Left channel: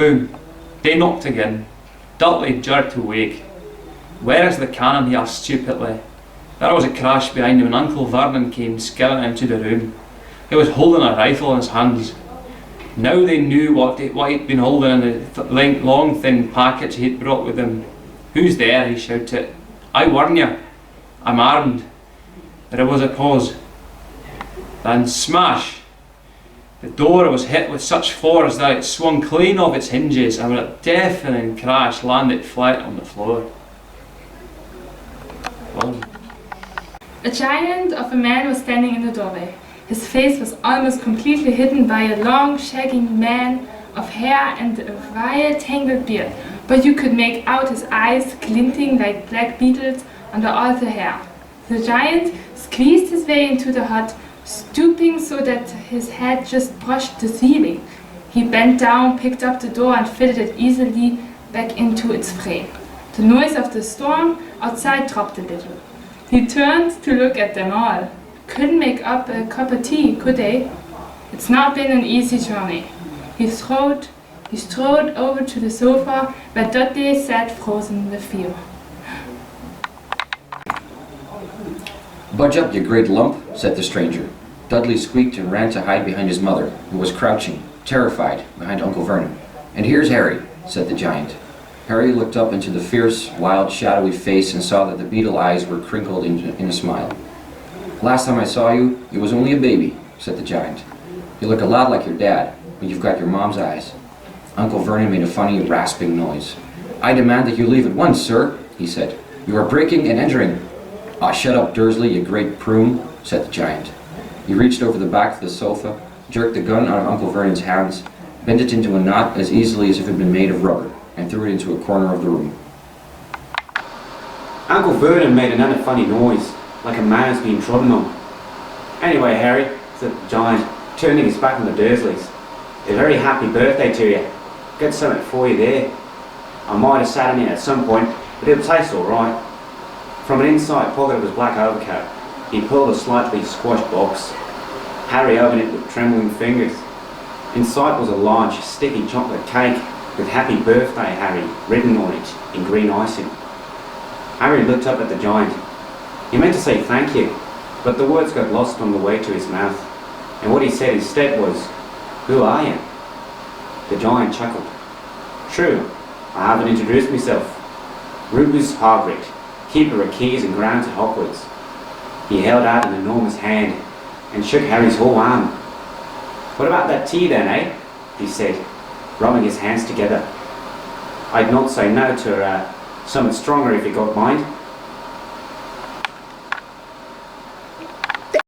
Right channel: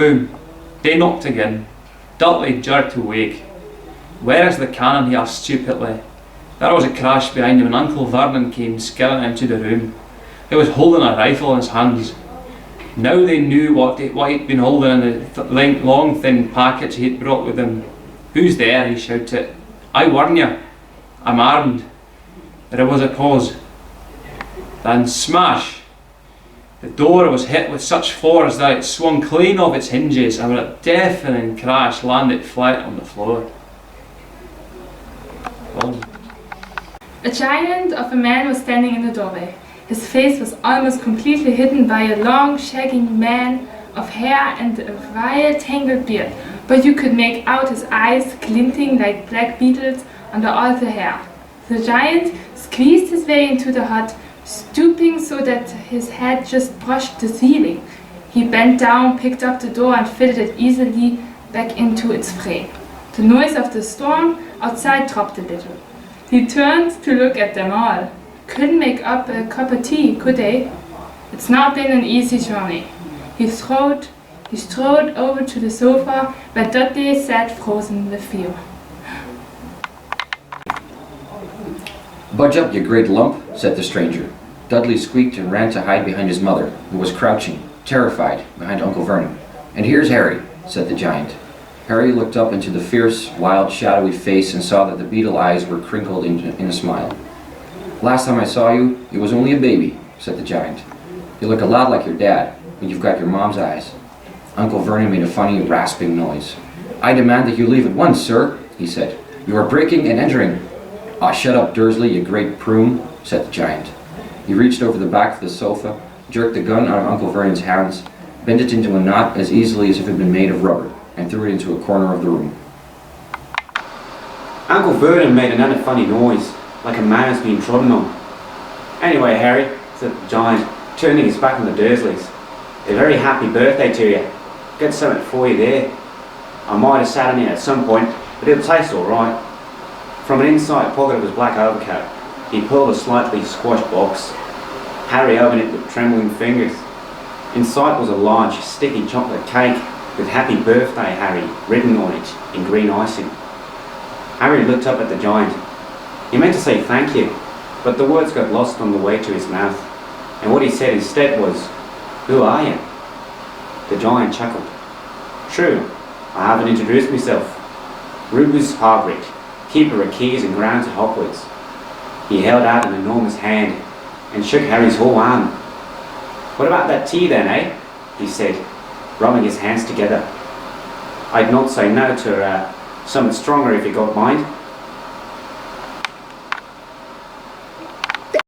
Boom! They knocked again. Dudley jerked awake. "Where is the cannon?" he asked stupidly. There was a crash behind him and Uncle Vernon came skirting into the room. He was holding a rifle in his hands. Now they knew what he'd been holding in the long thin package he had brought with him. "Who's there?" he shouted. "I warn you, I'm armed." There was a pause. Then smash! The door was hit with such force that it swung clean off its hinges and with a deafening crash landed flat on the floor. A giant of a man was standing in the doorway. His face was almost completely hidden by a long, shaggy mane of hair and a wild, tangled beard, but you could make out his eyes glinting like black beetles under all the hair. The giant squeezed his way into the hut, stooping so that his head just brushed the ceiling. He bent down, picked up the door and fitted it easily back into its frame. The noise of the storm outside dropped a little. He turned to look at them all. Couldn't make up a cup of tea, could they? It's not been an easy journey. He strode over to the sofa where Dudley sat frozen with fear. "Budge up, you great lump," said the stranger. Dudley squeaked and ran to hide behind his mother, who was crouching, terrified, behind Uncle Vernon. "And here's Harry," said the giant. Harry looked up into the fierce, wild, shadowy face and saw that the beetle eyes were crinkled in a smile. "Last time I saw you, you was only a baby," said the giant. "You look a lot like your dad, but you've got your mom's eyes." Uncle Vernon made a funny, rasping noise. "I demand that you leave at once, sir," he said. "You are breaking and entering." "Aw, shut up, Dursley, you great prune," said the giant. He reached over the back of the sofa, jerked the gun out of Uncle Vernon's hands, bent it into a knot as easily as if it had been made of rubber, and threw it into a corner of the room. Uncle Vernon made another funny noise, like a man has been trodden on. "Anyway, Harry," said the giant, turning his back on the Dursleys, "a very happy birthday to you. Got something for you there. I might have sat on it at some point, but it'll taste all right." From an inside pocket of his black overcoat, he pulled a slightly squashed box. Harry opened it with trembling fingers. Inside was a large, sticky chocolate cake with "Happy Birthday, Harry" written on it in green icing. Harry looked up at the giant. He meant to say thank you, but the words got lost on the way to his mouth, and what he said instead was, "Who are you?" The giant chuckled. "True, I haven't introduced myself. Rufus Hagrid, keeper of keys and grounds at Hogwarts." He held out an enormous hand and shook Harry's whole arm. "What about that tea then, eh?" he said, rubbing his hands together. "I'd not say no to something stronger if you got mind."